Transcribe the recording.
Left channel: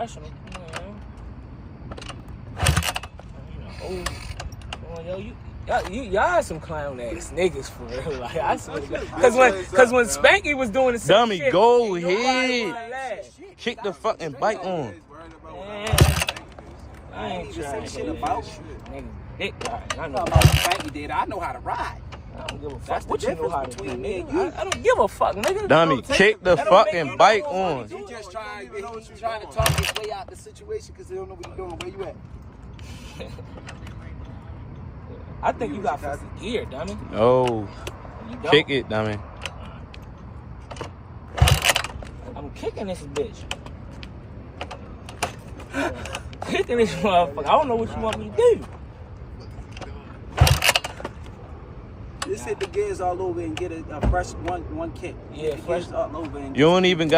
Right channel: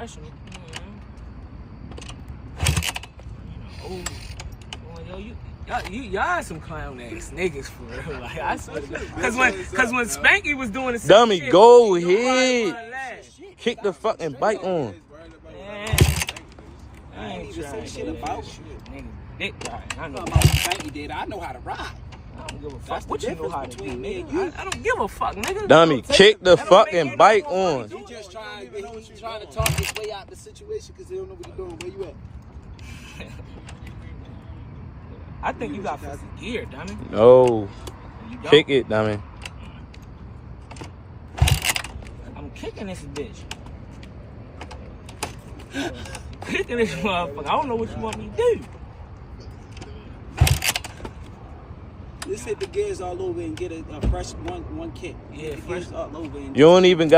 professional. You know, yo, y'all some clown ass niggas for real. Like I swear to God. Cause when Spanky was doing the same dummy, shit, go ahead. Kick the fucking bike on. Man, I ain't trying to say shit about shit. Nigga, dick ride. I know how Spanky did. I know how to ride. I don't give a fuck what you know how to do, nigga. I don't give a fuck, nigga. Dummy, kick the fucking bike on. You just trying to talk his way out the situation because they don't know what you're doing. Where you at? I think you got fucking gear, dummy. No. Kick it, dummy. I'm kicking this bitch. Kicking this motherfucker. I don't know what you want me to do. Just hit the gears all over and get a fresh one kick. Yeah, fresh all over. And you don't even got